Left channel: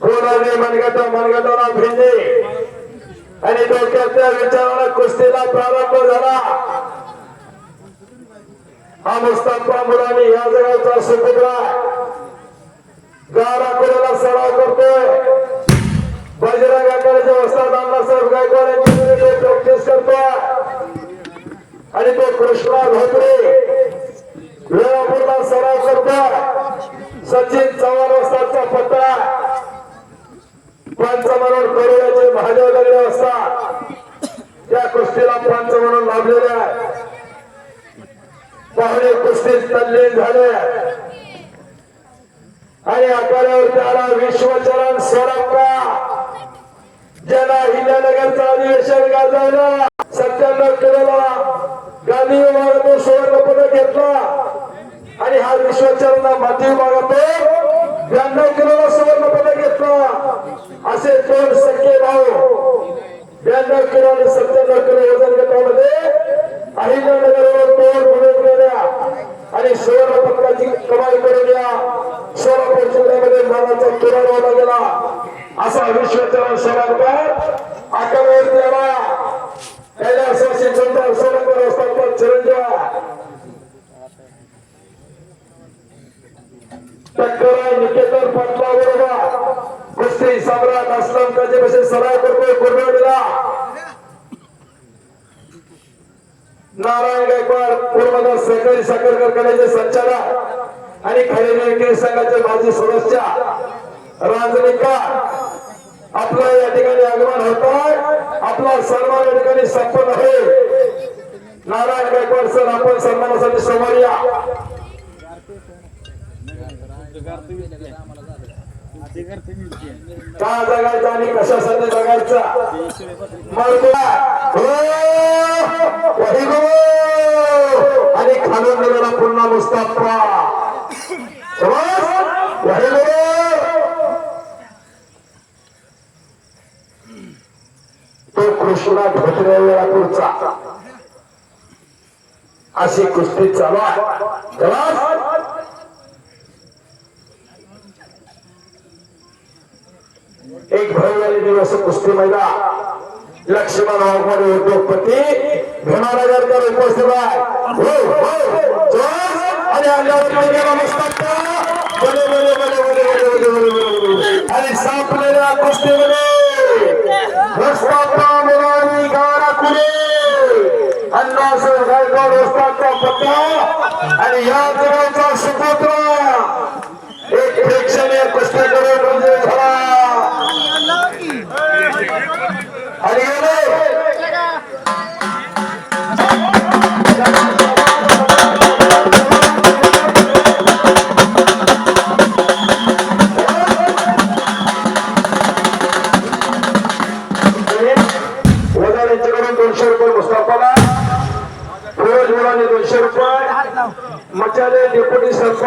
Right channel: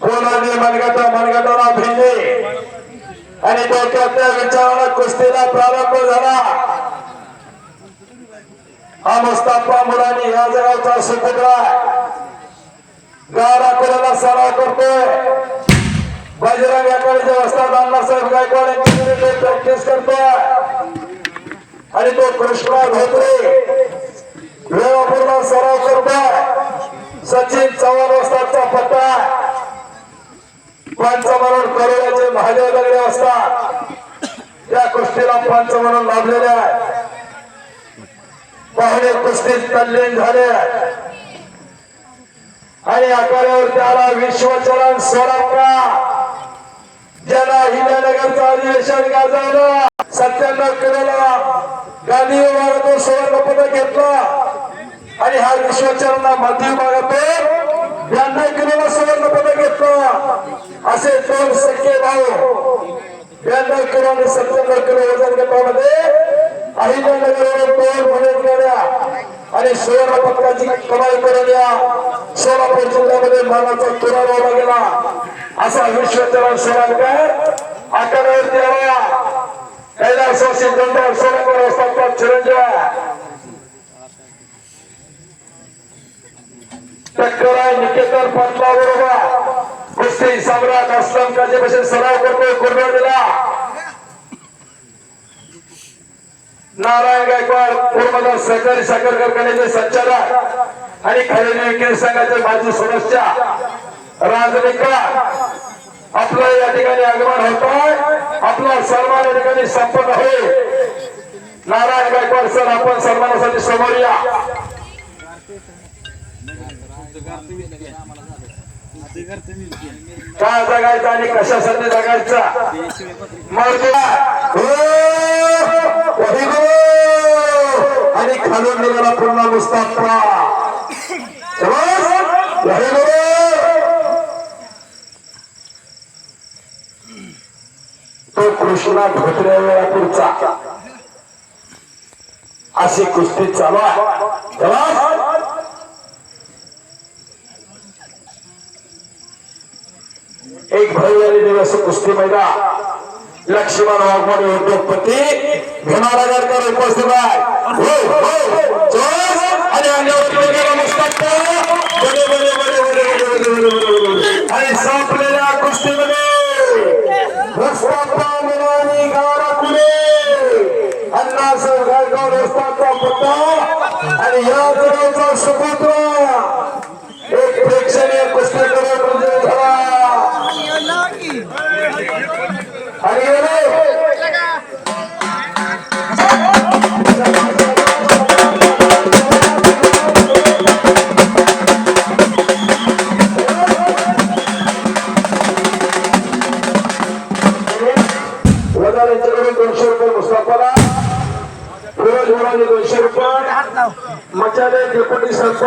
कोणाने मनगटा मनगटाला भिडले आणि विचाराला कुस्तीला प्रारंभ झाला हा मुस्ताफा या जगाचा सुपुत्र गाडा कोल्याला सराव करतोय. बजरंग आकडे वस्तात अण्णासाहेब गायकवाड यांची प्रॅक्टिस करतो आणि तो कृष्णा धोत्रे वेळापूर्ण सराव करतो सचिन चव्हाण असतातचा पत्ता. पंच म्हणून करोडाचे महादेव दगडे असतात त्या कुस्तीला पंच म्हणून लाभलेले आहे. पाहुणे कुस्तीत तल्लीन झाले. आणि आपल्यावर त्याला विश्वचरण सोडवला ज्याला हिंदनगरचा अधिवेशन गाजवलं सत्त्याण्णव किलोला गांधी विभागातून सुवर्ण पदक घेतलं. आणि हा विश्वचरण माध्यम विभागातून ब्याण्णव किलोला सुवर्ण पदक घेतलं. असे दोन सख्खे भाऊ ब्याण्णव किलो आणि सत्त्याण्णव किलो वजन गटामध्ये अहिल्यानगरवर दोन पदक गेल्या. आणि सुवर्ण पदकाची कमाई केलेल्या सोलापूर जिल्ह्यामध्ये मानाचा तुरा लावला गेला असा विश्वचरण सोलापूर आकडेवरती आला कैलासवासी जनता सोलापूर असतात चिरंजीव. टक्करा निकेतन पाटला बरोबर कुस्ती सम्राट असलम काजेपासून सराव करतोय? कुर्बानीला नारायण गायकवाड पूर्वदा सहकारी साखर कारखान्याचे संचालक. आणि खरेदी विक्री संघाचे माजी सदस्य राजनिका आपलं या ठिकाणी आगमन होत आहे. आपला सन्मान या ठिकाणी संपन्न होईल. नारायण गायकवाड सर आपण सन्मानासाठी समोर या. का जगायचं आणि कशासाठी जगायचं? मग हो! आणि खालून निघाला पुन्हा मुस्ताफा तो कृष्णा धोत्रे वेळापूरचा अशी कुस्ती चालू आहे एक भव्य दिवस कुस्ती मैदा लक्ष्मण वाघमोडे उद्योगपती भीमानगरकर उपस्थित आहे हो, हो, जोर आणि अंगावर पडलेला अण्णासाहेब गायकवाड वस्तांचा पत्ता आणि या जगाचा सुपुत्र एक प्रेक्षणीय कुस्ती कार्यक्रम झाला. आणि ಗೋಳಾನಿಗಳು ಸ್ವಲ್ಪ ಮಚಾಲೆ ಡೆಪ್ಯೂಟಿ ಸರ್ಪ